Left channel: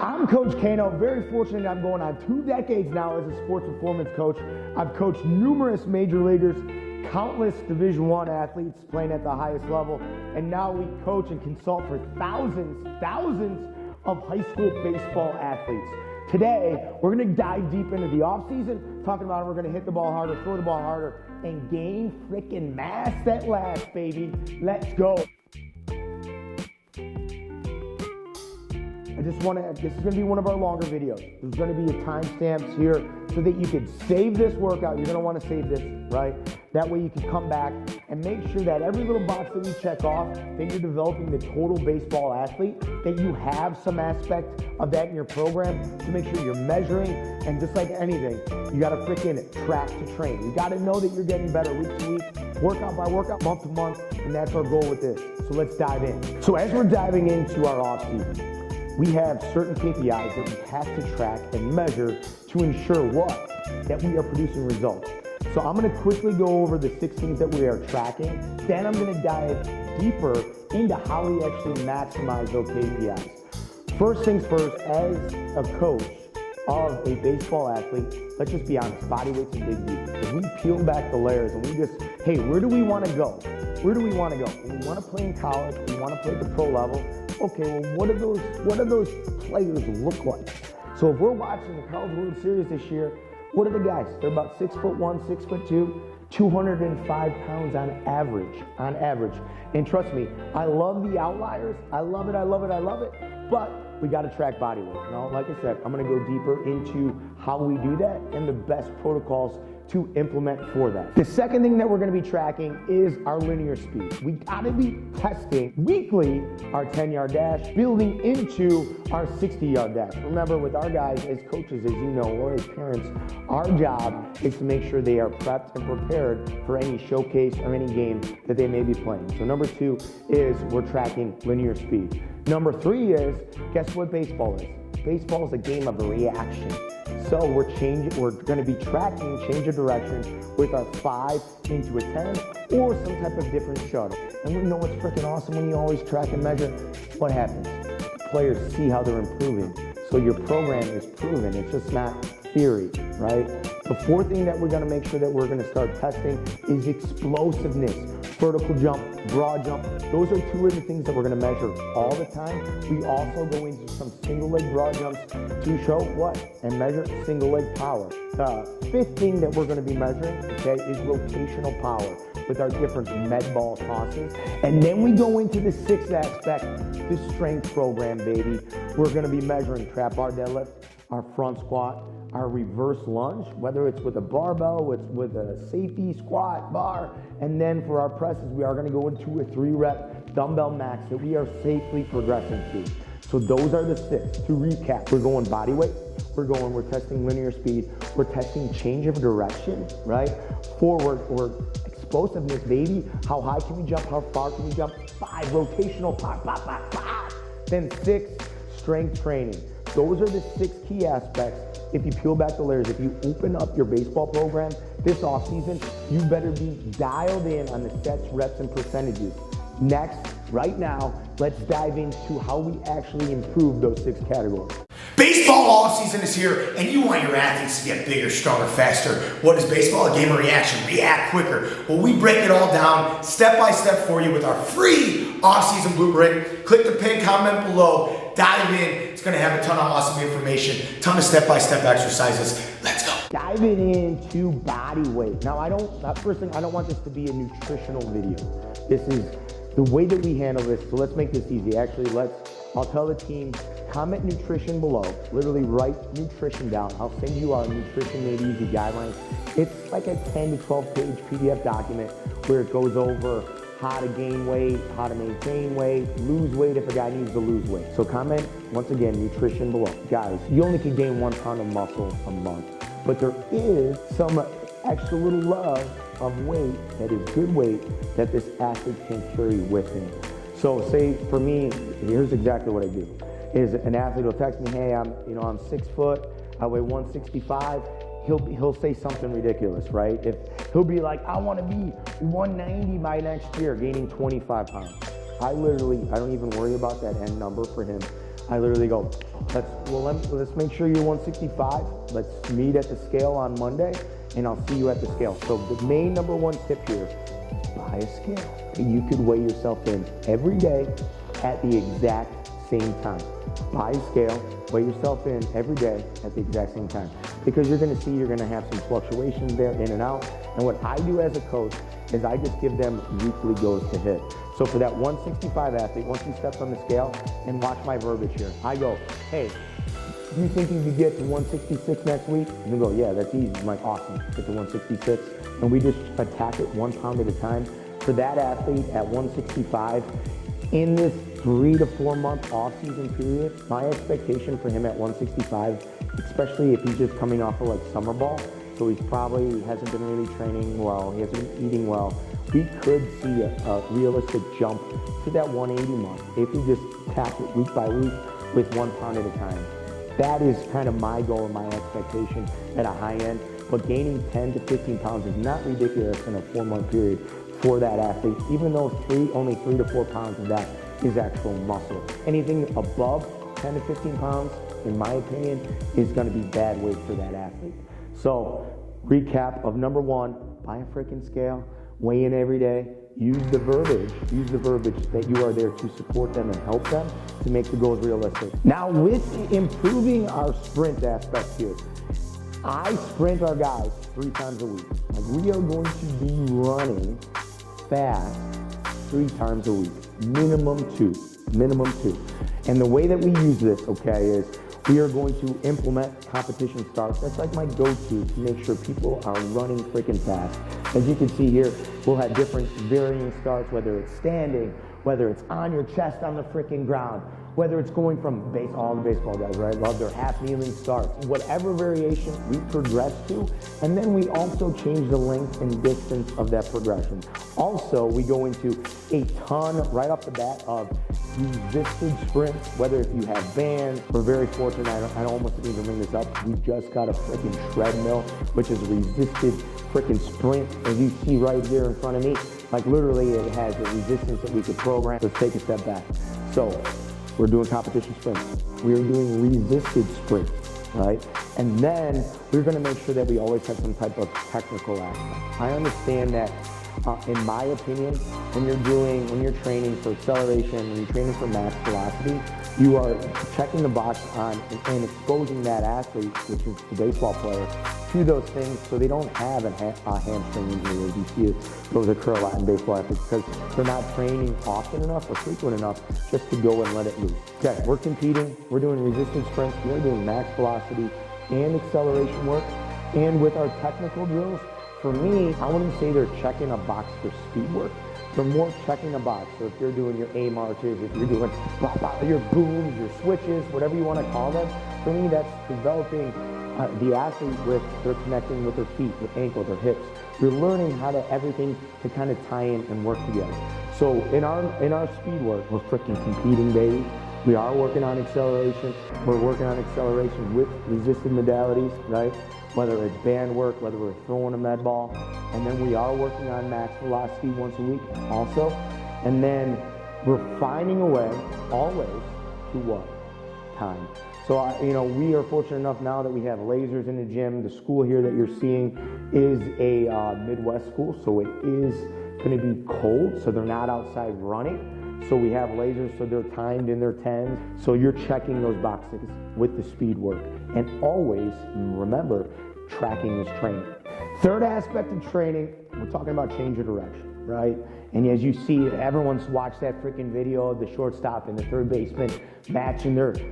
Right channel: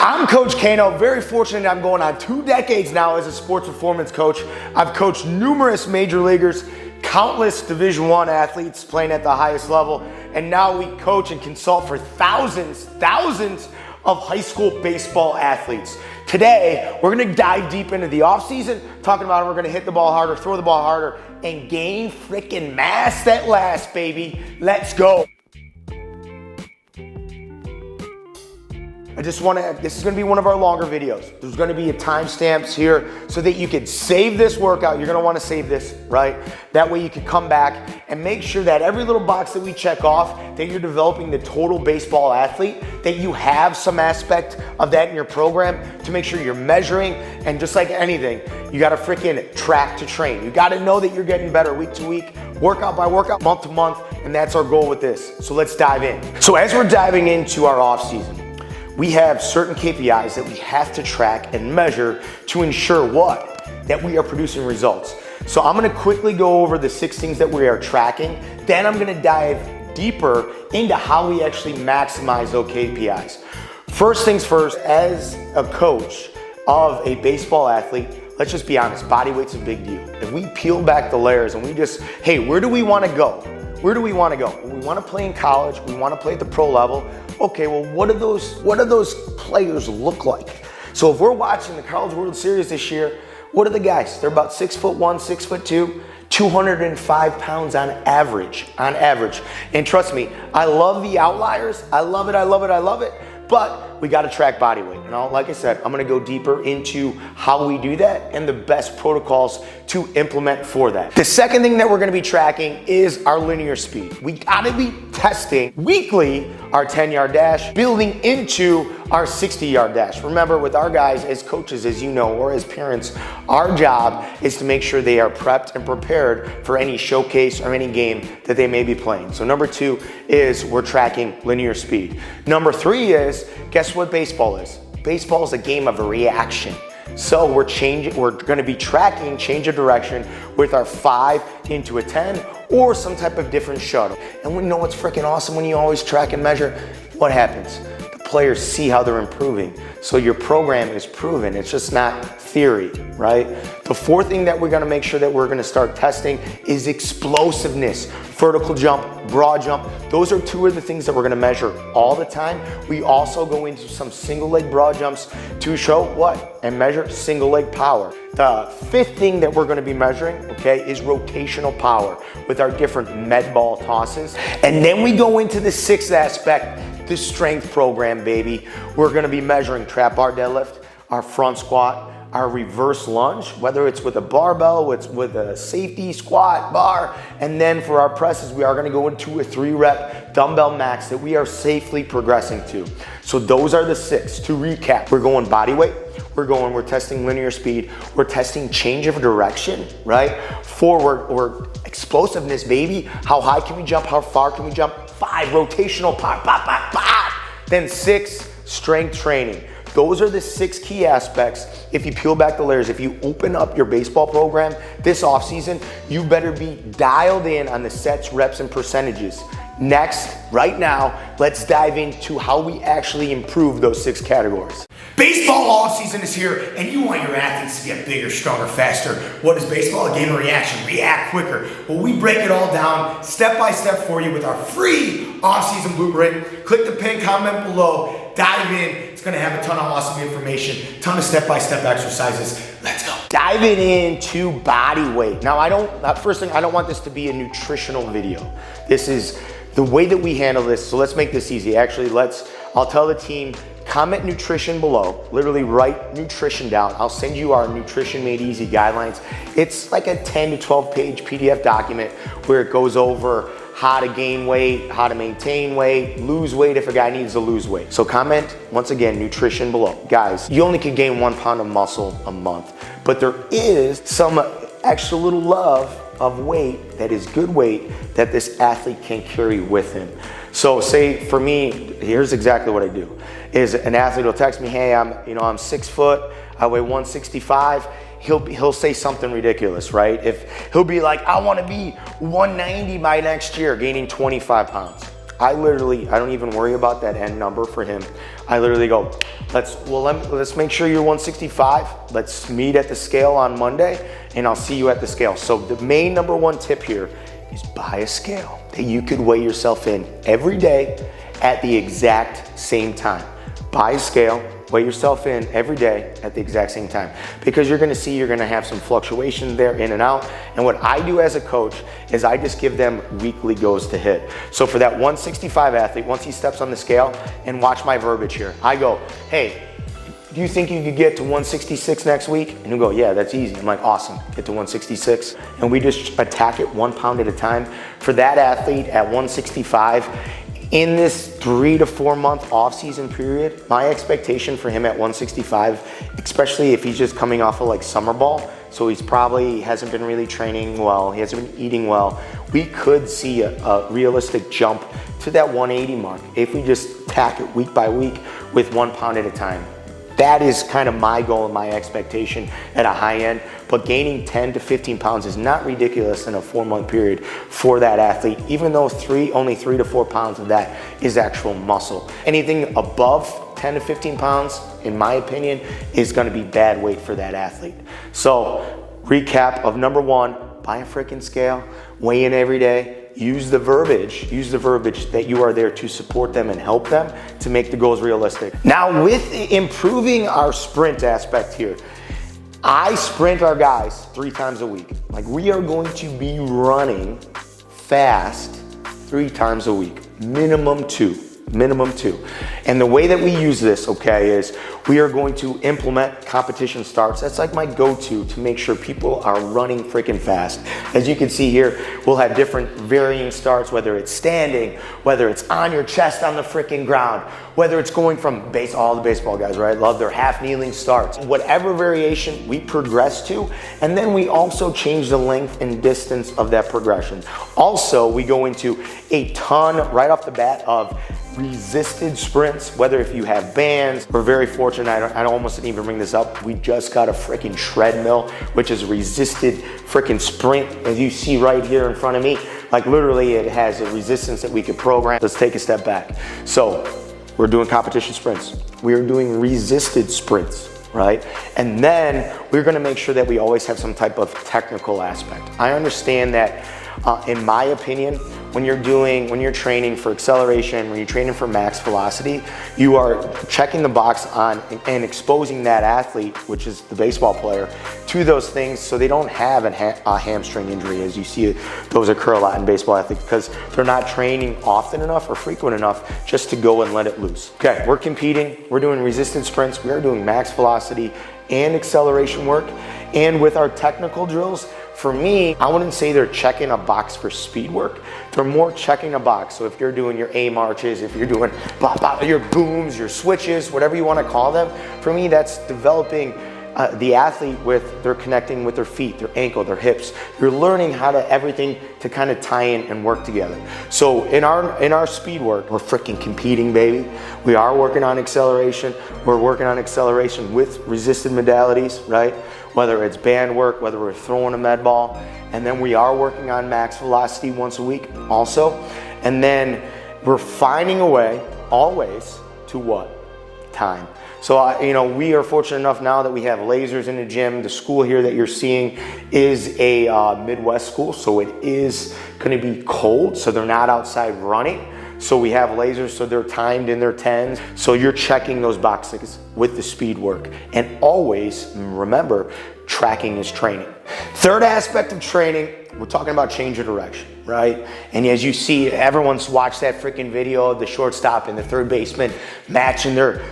I'm Coach Kano, very fortunate I'm going on 2 decades now as a sports performance coach. I've coached numerous major leaguers, countless Division I athletes playing at the highest level, and now we coach and consult for thousands of high school baseball athletes. Today, we're gonna dive deep into the offseason, talking about how we're gonna hit the ball harder, throw the ball harder, and gain freaking mass that lasts, baby. Let's go. This is gonna be one of our longer videos. There's gonna be timestamps here so that you can save this workout. You're gonna wanna save this, right? That way you can come back and make sure that every little box that we check off, that you're developing the total baseball athlete, that you have some aspect of that in your program to make sure you're measuring. And just like anything, you gotta freaking track to train. You gotta know that you're getting better week to week, workout by workout, month to month, and that's our goal with this. So let's dive in. So as we're diving into our off season, we have certain KPIs that we have to track and measure to ensure what? That we are producing results. So I'm gonna quickly go over the 6 things that we are tracking. Then I'm gonna dive deeper into how we actually maximize those KPIs. First things first, as a coach of a baseball athlete, let's just be honest, body weight's a big deal. If we peel back the layers and we just, hey, where do we wanna go? Where do we wanna go? We wanna play in college, we wanna play at the pro level. Okay, well, what do those players look like? So if we're watching the College World Series this year, what are the guys? They're about 6'1", 6'2", 205 pounds on average. And trust me, I love the outliers. I love it. But we gotta track body weight. And like I said, I'm gonna go deeper into how we do that and the best protocols to implement for that. The second thing that we're gonna be tracking is our linear speed. We gotta be testing weekly our 10-yard dash, building into our 60-yard dash. Remember, with our guys as coaches, as you know, or as parents, our job is to make sure they are prepped and prepared for any showcase or any game that they may be playing. So number 2 is we're tracking linear speed. Number 3 is, guess what baseball is? Baseball is a game of a reaction. So we're gonna be tracking change of direction with our 5 into a 10 or some type of different shuttle. And we know what's freaking awesome when you always track and measure? What happens? The players see how they're improving. So your program is proven, it's just not theory, right? The 4th thing that we're gonna make sure that we're gonna start testing is explosiveness. Vertical jump, broad jump. Those are 2 of the things that we're gonna measure all the time. We also go into some single leg broad jumps to show what? And measure single leg power. The 5th thing that we're gonna be measuring, okay, is rotational power with our different med ball tosses. And then we go into the 6th aspect, the strength program, baby. We're gonna be measuring trap bar deadlift, our front squat, our reverse lunge, whether it's with a barbell, it's with a safety squat bar, and then for our presses, we are gonna go into a 3-rep dumbbell max that we are safely progressing to. So those are the 6. To recap, we're going body weight, we're testing linear speed, we're testing change of direction, right? Forward or explosiveness, baby. How high can we jump? How far can we jump? 5, rotational power, pop, pop, pop. Then 6, strength training. Those are the 6 key aspects. If you peel back the layers, if you open up your baseball program this offseason, you better be dialed in on the sets, reps, and percentages. Next, right now, let's dive into how we actually improve those 6 categories. Baseball offseason is here, and you want your athletes to get bigger, stronger, faster. What is baseball? A game of reaction. React quicker. Well, we break it all down step by step for you with our free offseason blueprint. Click the pinned comment below. Dive in. It's going to have a ton of awesome information, ton of step-by-step exercises. Let's go. Diving into body weight. Now, I don't want this to be a nutritional video. This is the way that we handle this, so let's make this easy. Actually, I'll tell the team, comment nutrition below. Literally write nutrition down. I'll send you our Nutrition Made Easy guidelines. It's like a 10 to 12 page PDF document where it goes over how to gain weight, how to maintain weight, lose weight if a guy needs to lose weight. So comment, once again, nutrition below. Guys, you only can gain 1 pound of muscle a month, but there is some extra little love of weight that is good weight that this athlete can carry with him. So say for me, here's exactly what I do. Is an athlete will text me, hey, I'm 6 foot, I weigh 165. He'll say something ridiculous, right? If he'll be like, I want to be 190 by next year, gaining 25 pounds. I don't even worry about that end number for him. I literally go, let's make sure you're 165. Let's meet at the scale on Monday and I'll see you at the scale. So the main number one tip here is buy a scale that you could weigh yourself in every day at the exact same time. Buy a scale, weigh yourself in every day at the exact same time, because you're gonna have some fluctuations there in and out. And what I do as a coach is I just give them weekly goals to hit. So for that 165 athlete, once he steps on the scale, and watch my verbiage here, I go, hey, do you think you could get to 166 next week? And he'll go, yeah, that's easy. I'm like, awesome, get to 166. And we just attack it 1 pound at a time. For that athlete at 165, in this 3 to 4 month off-season period, my expectation for him at 165, especially if he's just coming off of like summer ball, so he's probably hasn't been really training well, he hasn't been eating well, we could see a realistic jump to that 180 mark if we just attack it week by week with 1 pound at a time. That is kind of my goal and my expectation at a high end, but gaining 10 to 15 pounds is not ridiculous in a 4 month period for that athlete, even though only 3 to 4 pounds of that is actual muscle. Anything above 10 to 15 pounds, in my opinion, is gonna be bad weight for that athlete. So recap of number one, buy a freaking scale, weigh in every day, use the verbiage that you are there to support them and help them to make the goals realistic. Now with improving our sprint aspect here, I sprint our guys 3 times a week. Like, we are going to be running fast 3 times a week, minimum 2. And the way that we use this, okay, is we are going to implement competition starts. That's like my go-to to make sure people are running freaking fast. As you can see here, we'll have different varying starts, whether it's standing, whether it's on your chest on the freaking ground, whether it's going from all the baseball guys, right? Love their half kneeling starts. Whatever variation we progress to, and then we also change the length and distance of that progression. Also, we go into a ton right off the bat of resisted sprints, whether if you have bands. We're very fortunate, I almost didn't even bring this up, we just got a freaking treadmill, which is resisted freaking sprint, as you see right here in front of me. Like, literally it has a resistance that we could program. Let's take a step back. So we're doing competition sprints. We're doing resisted sprints, right? And then we're gonna make sure that we always have some type of technical aspect. I understand that in my opinion, when you're training for acceleration, when you're training for max velocity, you are checking the box on and exposing that athlete, which is the baseball player, to those things so they don't have a hamstring injury, as you see those occur a lot in baseball athletes, because they're not training often enough or frequent enough just to go and let it loose. Okay, we're competing, we're doing resistance sprints, we're doing max velocity and acceleration work, and with our technical drills, for me, I wouldn't say they're checking a box for speed work. They're more checking a box. So if you're doing your A marches, if you're doing your booms, your switches, whatever you want to call them, for me, that's developing the athlete they're connecting with their feet, their ankle, their hips. You're learning how to everything to kind of tie in and work together. So in our speed work, we're freaking competing, baby. We are working on acceleration. We're working on acceleration with resisted modalities, right? Whether it's band work, whether we're throwing a med ball, and then we are working on max velocity once a week also. And then we're finding a way, always, to what? Time. So, we are fortunate enough now that we have lasers in the gym. The school here that you're seeing is a Midwest school, so it is gonna be cold, so they're not outside running. So we have lasers, so they're timed in their 10s. So you're checking those boxes with the speed work. And always, remember, tracking is training. Third aspect of training, we're talking about change of direction, right? And as you see, everyone's watched that freaking video of the shortstop and the third baseman matching their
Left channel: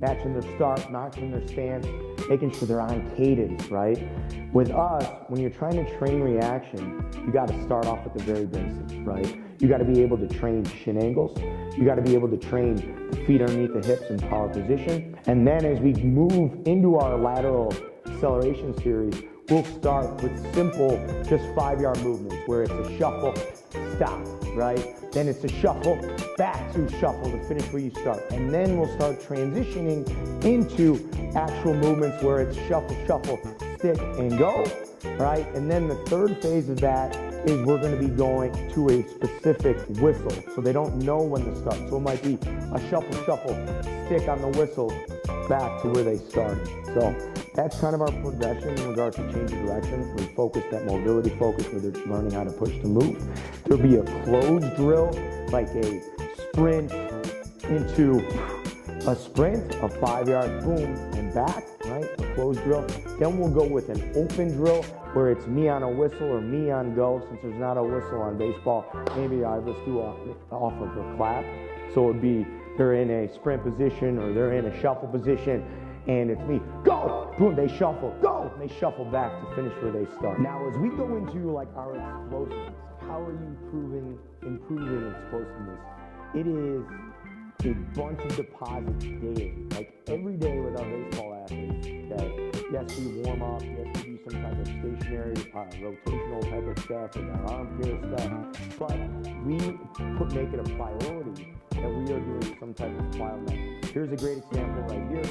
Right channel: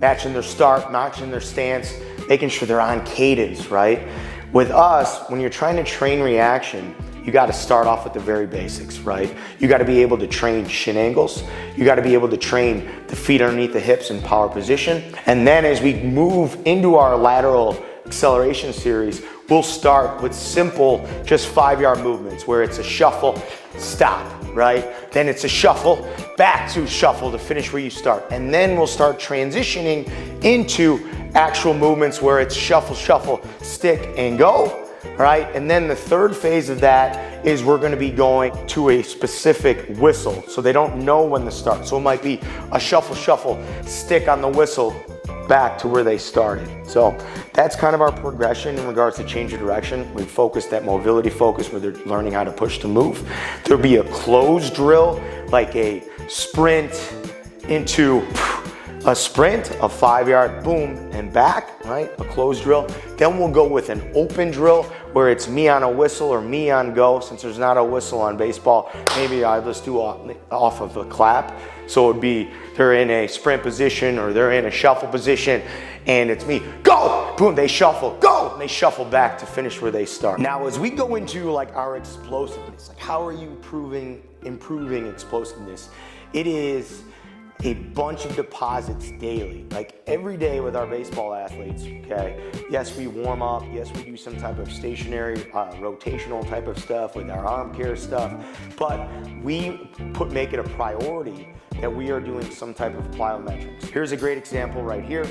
matching their start, matching their stance, making sure they're on cadence, right? With us, when you're trying to train reaction, you got to start off with the very basics, right? You got to be able to train shin angles. You got to be able to train the feet underneath the hips in power position. And then as we move into our lateral acceleration series, we'll start with simple, just 5-yard movements where it's a shuffle, stop, right? Then it's a shuffle, back to shuffle to finish where you start. And then we'll start transitioning into actual movements where it's shuffle, shuffle, stick, and go, right? And then the third phase of that is we're gonna be going to a specific whistle. So they don't know when to start. So it might be a shuffle, shuffle, stick on the whistle back to where they started. So that's kind of our progression in regards to change of direction. We focused that mobility focus where they're learning how to push to move. There'll be a closed drill, like a sprint into a sprint, a 5-yard boom and back, right? A closed drill. Then we'll go with an open drill where it's me on a whistle or me on go. Since there's not a whistle on baseball, maybe I just do off of a clap. So it would be they're in a sprint position or they're in a shuffle position and it's me, go, boom, they shuffle, go, and they shuffle back to finish where they start. Now, as we go into like our explosiveness, like how are you improving explosiveness? It is a bunch of deposits daily, like every day with our baseball athletes, okay? Yes, we warm up. Yes, we do some type of stationary, rotational type of stuff with our arm care stuff, but we make it a priority that we are doing some type of plyometrics. Here's a great example right here.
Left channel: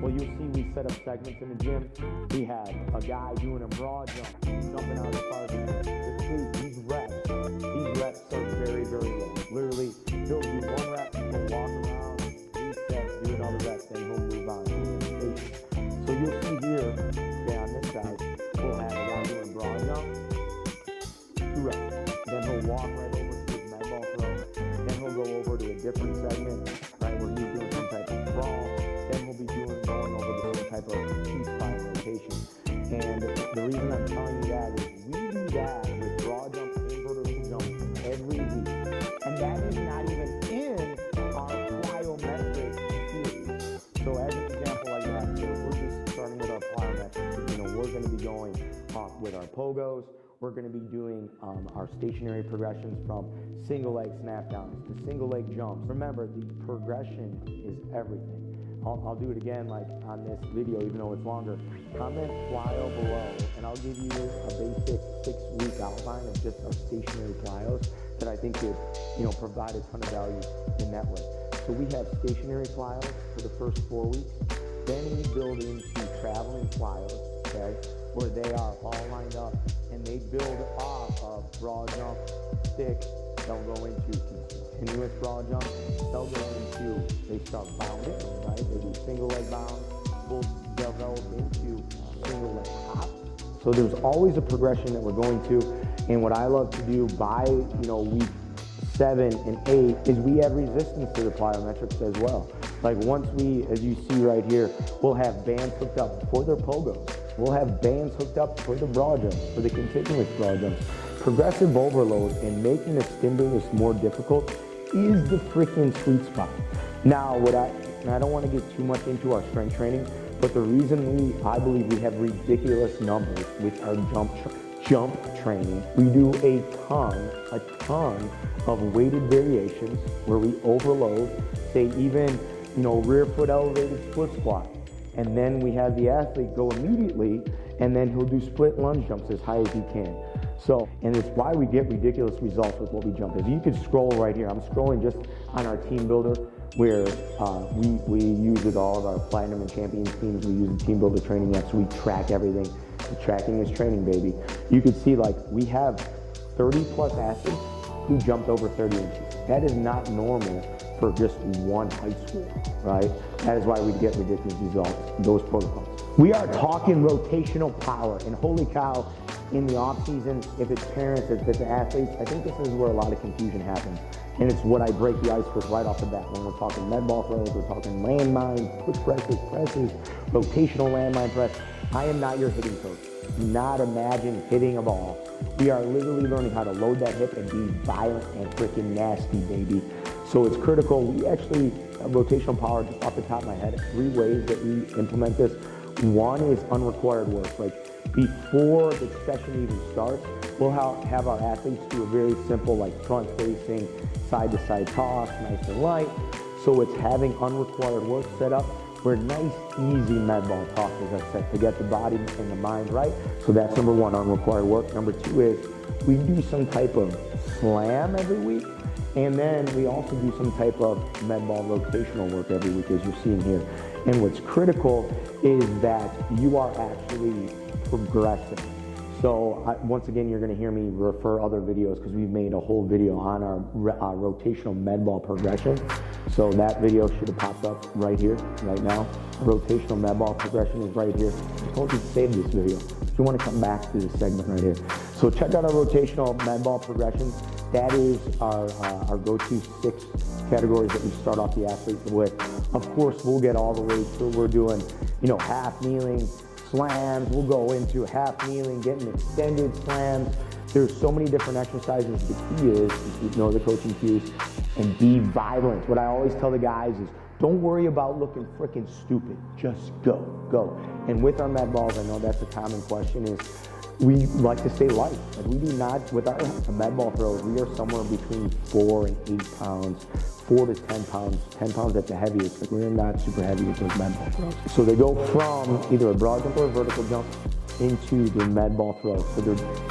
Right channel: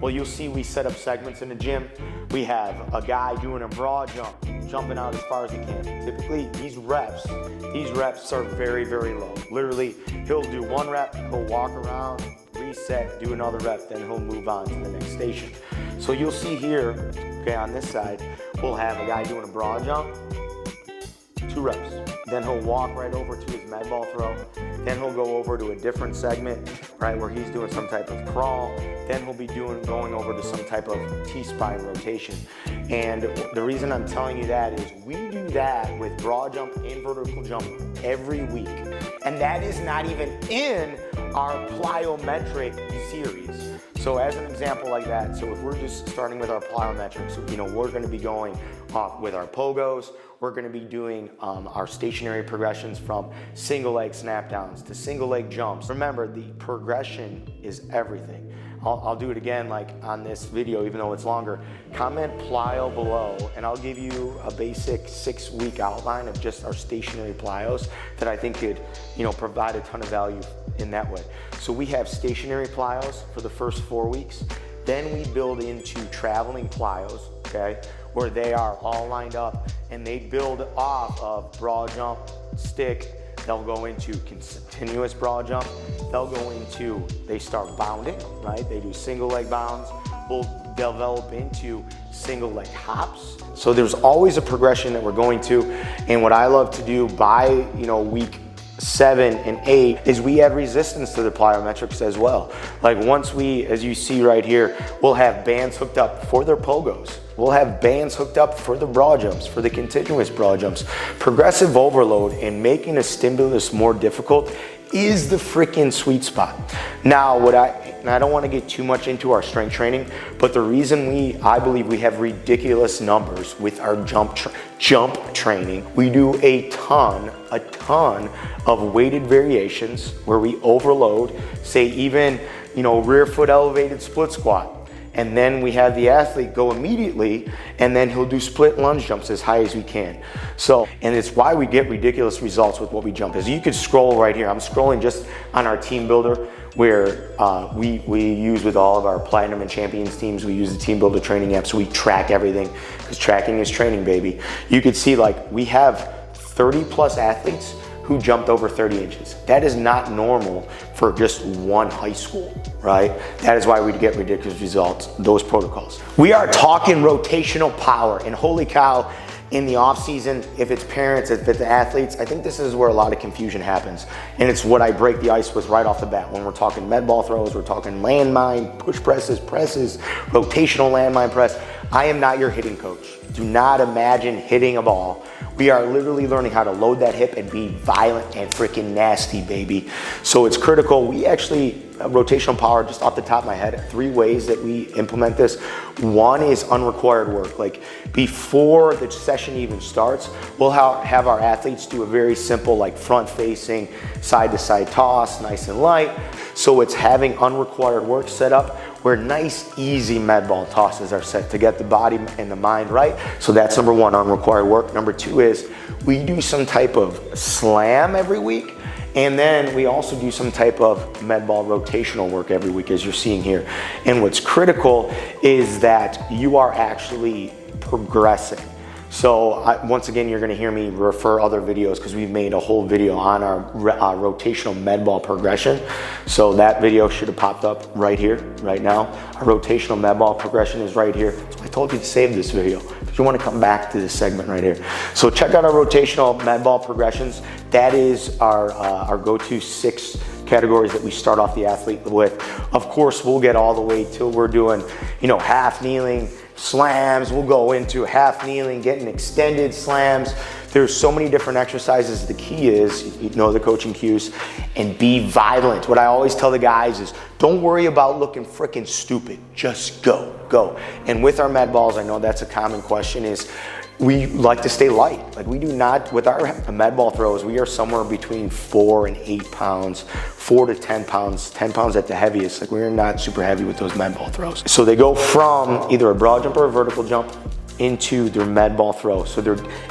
Well, you'll see we set up segments in the gym. We have a guy doing a broad jump, jumping out as far as he can. Typically, these reps are very, very low. Literally, he'll do 1 rep, he'll walk around, reset, do another rep, then he'll move on to the next station. So you'll see here, okay, on this side, we'll have a guy doing a broad jump, 2 reps. Then he'll walk right over to his med ball throw. Then he'll go over to a different segment, right, where he's doing some type of crawl. Then he'll be going over to some type of T-spine rotation. And the reason I'm telling you that is we do that with broad jump and vertical jump every week. And that is not even in our plyometric series. So as an example like that, so if we're just starting with our plyometrics, we're gonna be going with our pogos, we're gonna be doing our stationary progressions from single leg snap downs to single leg jumps. Remember, the progression is everything. I'll do it again like on this video, even though it's longer. Comment plyo below and I'll give you a basic 6-week outline of just our stationary plyos that I think could, provide a ton of value in that way. So we have stationary plyos for the first 4 weeks. Then we build into traveling plyos, okay, where they are all lined up and they build off of broad jump, stick. They'll go into continuous broad jump. They start bounding, right? They do single leg bounds. We'll develop into single leg hops. So there's always a progression that we're going to. And what I love to do by, week 7 and 8 is we add resistance to the plyometrics as well. Like once we, as you see right here, we'll have bands hooked up for their pogos. We'll have bands hooked up for the broad jumps, for the continuous broad jumps. Progressive overload and making a stimulus more difficult is the freaking sweet spot. Now, I don't want to get too much into our strength training, but the reason I believe we have ridiculous numbers with our jump training, we do a ton of weighted variations where we overload, say even, rear foot elevated split squat. And then we have the athlete go immediately and then he'll do split lunge jumps as high as we can. And it's why we get ridiculous results with what we jump. As you could scroll right here, I'm scrolling just on our team builder where we use with all of our platinum and champions teams, we use the team builder training app, so we track everything because tracking is training, baby. You could see we have 30 plus athletes who jumped over 30 inches. That is not normal for just one high school, right? That is why we get ridiculous results, those protocols. We are talking rotational power, and holy cow, in the off season, if it's parents, if it's athletes, I think this is where a lot of confusion happens. And it's what I break the ice with right off the bat. When we're talking med ball throws, we're talking landmine, push presses, rotational landmine press. I am not your hitting coach. Do not imagine hitting a ball. We are literally learning how to load that hip and be violent and freaking nasty, baby. So it's critical. We actually, rotational power, just off the top of my head, 3 ways that we implement this. One is unrequired work. Like before the session even starts, we'll have our athletes do a very simple front facing side to side toss, nice and light. So it's having unrequired work set up where nice, easy med ball tosses are set to get the body and the mind right. So that's number 1, unrequired work. Number 2 is we do some type of slam every week. And then we also do some type of med ball rotational work every week, as you're seeing here. And what's critical is that you are actually progressing. So once again, you're gonna hear me refer other videos because we've made a whole video on our rotational med ball progression. So that video should have popped up right here, right now. Our rotational med ball progression is right here. So I told you to save this video if you wanna come back to this segment right here. So check out our rotational med ball progressions. That is our go-to 6 categories that we start off the athlete with. Of course, we'll get all the way till we're doing, half kneeling slams. We'll go into half kneeling, getting extended slams. There's so many different exercises. The key is, the coaching cues, and be violent. What I always tell the guys is, don't worry about looking freaking stupid. Just go. And with our med balls, I know that's a common question, is we like to stay light. Like, we do not, with our med ball throws, we are somewhere between 4 and 8 pounds, 4 to 10 pounds, 10 pounds at the heaviest. Like, we're not super heavy with those med ball throws. So they go from either a broad jump or a vertical jump into their med ball throw.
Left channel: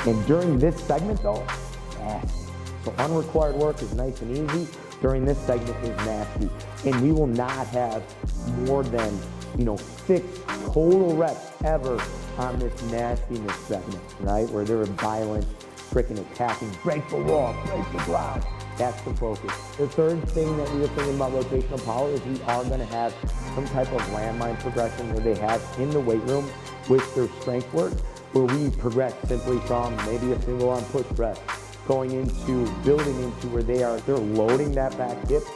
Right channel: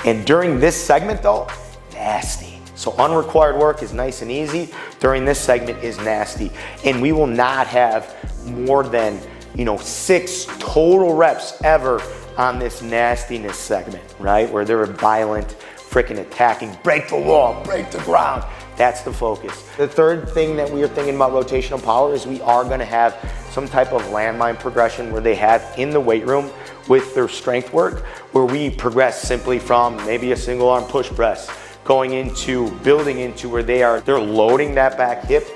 And during this segment though, nasty. So unrequired work is nice and easy. During this segment is nasty. And we will not have more than, 6 total reps ever on this nastiness segment, right? Where they're violent, freaking attacking, break the wall, break the ground. That's the focus. The third thing that we are thinking about rotational power is we are gonna have some type of landmine progression where they have in the weight room with their strength work, where we progress simply from maybe a single arm push press, going into, building into where they're loading that back hip,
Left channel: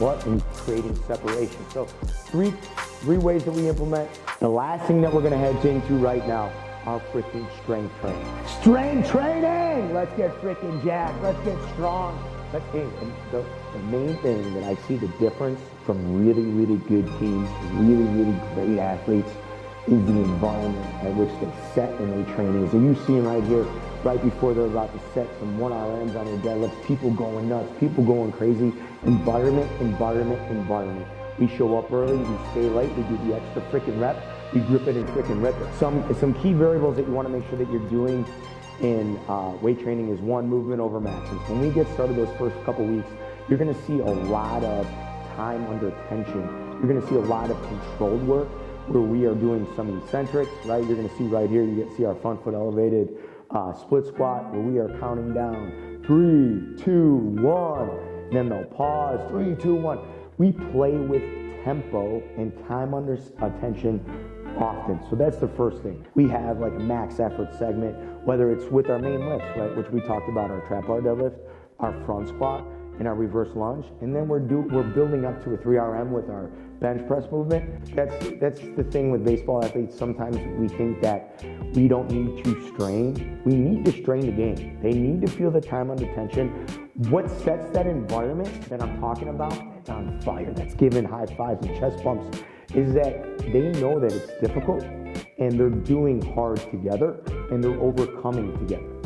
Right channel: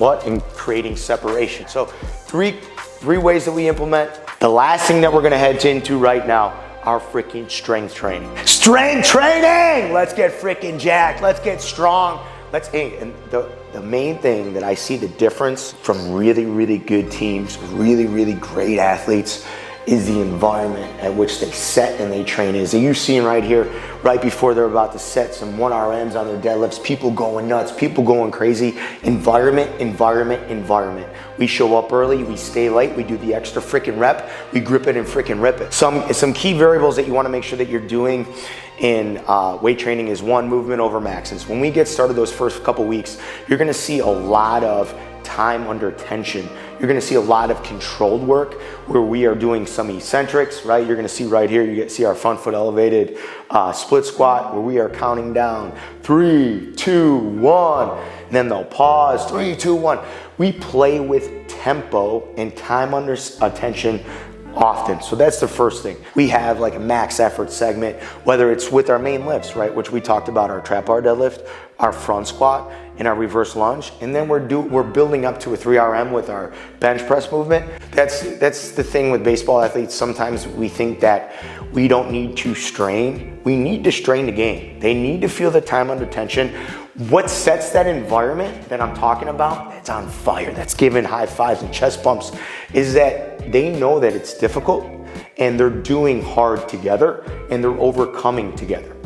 and creating separation. So three ways that we implement. The last thing that we're gonna head into right now, our freaking strength training. Strength training! Let's get freaking jacked, let's get strong. And the main thing that I see the difference from really, really good teams, really, really great athletes, is the environment at which they set and they train is. And you've seen right here, right before they're about to set some 1RMs on their deadlifts, people going nuts, people going crazy. Environment. We show up early, we stay late, we do the extra freaking rep, we grip it and freaking rip it. Some key variables that you wanna make sure that you're doing in weight training is 1, movement over maxes. When we get started those first couple weeks, you're gonna see a lot of time under tension. You're gonna see a lot of controlled work where we are doing some eccentrics, right? You're gonna see right here, you see our front foot elevated split squat where we are counting down 3, 2, 1, and then they'll pause, 3, 2, 1. We play with tempo and time under tension often. So that's the first thing. We have like a max effort segment, whether it's with our main lifts, right? Which we talked about, our trap bar deadlift, our front squat, and our reverse lunge. And then we're building up to a 3RM with our bench press movement. That's the thing with baseball athletes. Sometimes we think that we don't need to strain. We need to strain the game. They need to feel the time under tension. What sets that environment that I'm talking about, that's on fire, that's giving high fives and chest bumps, is that they know that it's difficult and they're doing hard together and they're overcoming together.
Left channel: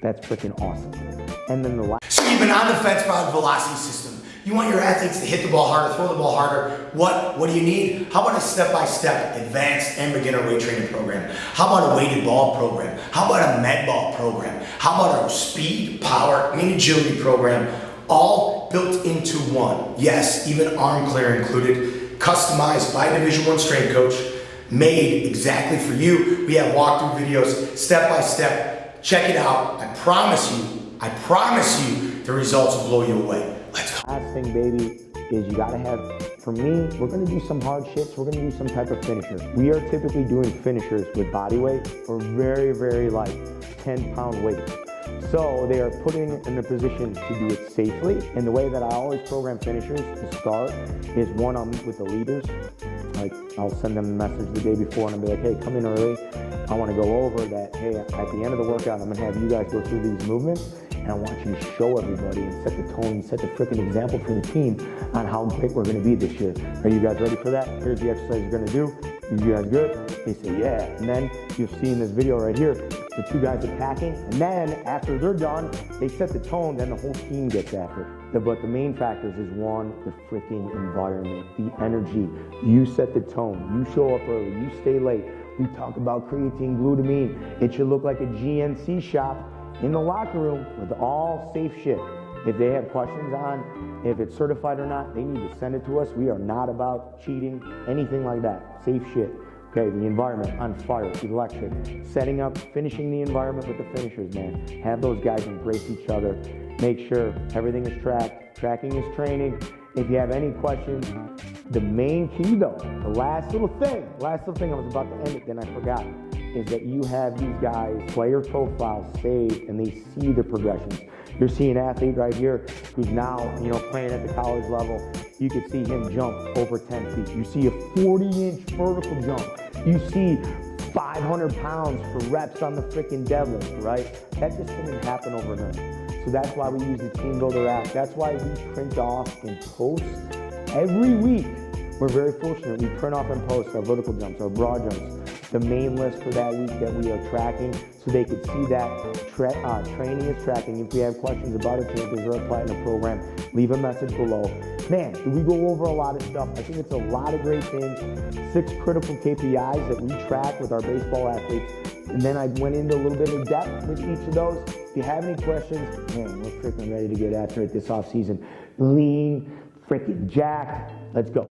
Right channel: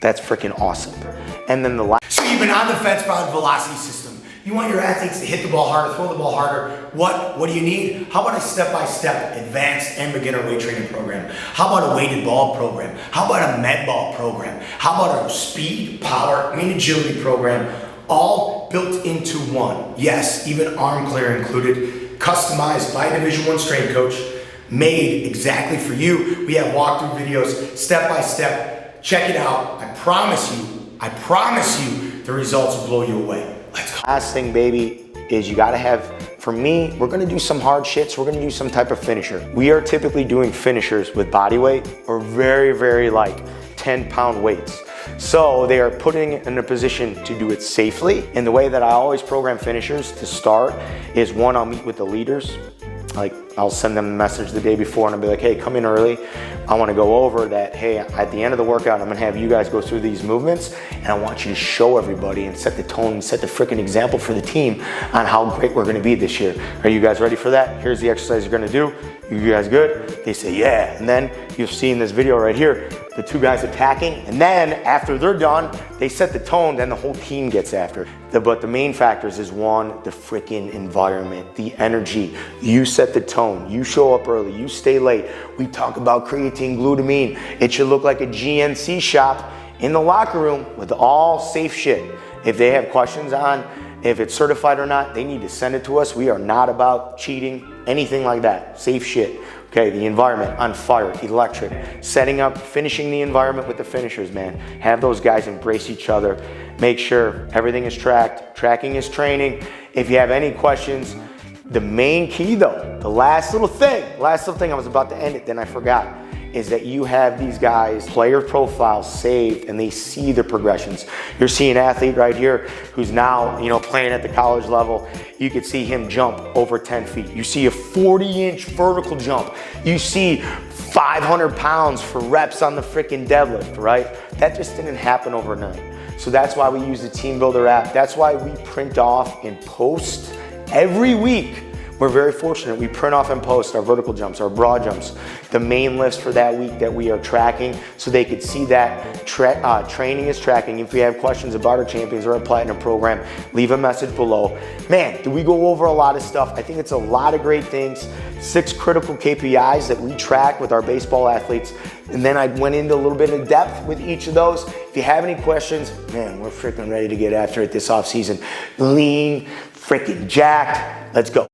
That's freaking awesome. And then the last. So you've been on the fence about velocity system. You want your athletes to hit the ball harder, throw the ball harder. What do you need? How about a step-by-step advanced and beginner weight training program? How about a weighted ball program? How about a med ball program? How about a speed, power, and agility program? All built into one. Yes, even arm clear included, customized by a Division I strength coach, made exactly for you. We have walkthrough videos, step-by-step. Check it out. I promise you, the results will blow you away. Let's go. Last thing, baby, is you gotta have, for me, we're gonna do some hard shits. We're gonna do some type of finisher. We are typically doing finishers with body weight or very, very like 10-pound weights. So they are putting in a position to do it safely. And the way that I always program finishers to start is, 1, I'll meet with the leaders. Like, I'll send them a message the day before and I'll be like, hey, come in early. I wanna go over that, hey, at the end of the workout, I'm gonna have you guys go through these movements and I want you to show everybody and set the tone and set the freaking example for the team on how great we're gonna be this year. Are you guys ready for that? Here's the exercise you're gonna do. You guys good? They say, yeah. And then you'll see in this video right here, the 2 guys attacking, and then after they're done, they set the tone, then the whole team gets after. But the main factors is, 1, the freaking environment, the energy. You set the tone, you show up early, you stay late. We talk about creatine, glutamine. It should look like a GNC shop in the locker room with all safe shit. If they have questions on if it's certified or not, they need to send it to us. We are not about cheating, anything like that. Safe shit, Okay, the environment, on fire, electric. Setting up, finishing the environment with the finishers, man. Have those guys embrace each other. Make sure everything is tracked. Tracking is training. If you have any questions, the main key though, the last little thing I was about to end it, then I forgot, is that you have these guys' player profiles saved and they see the progressions. You're seeing an athlete right here who's now, playing at the college level. You could see him jump over 10 feet. You see a 40-inch vertical jump. You see 500 pounds for reps on the freaking deadlift, right? That just didn't happen overnight. So that's why we use the Team Builder app. That's why we print off and post every week. We're very fortunate. We print off and post our vertical jumps, our broad jumps, the main lifts for that week that we are tracking so they could see that training is tracking. If you have questions about our champions or our platinum program, leave a message below. Man, did we go over a lot of stuff? I think it's a lot of great things. 6 critical KPIs that we track with our baseball athletes. And then I went into a little bit of depth with each of those. If you have any questions, man, we're freaking ready to get after it this off season. Lean, freaking jacked. Let's go.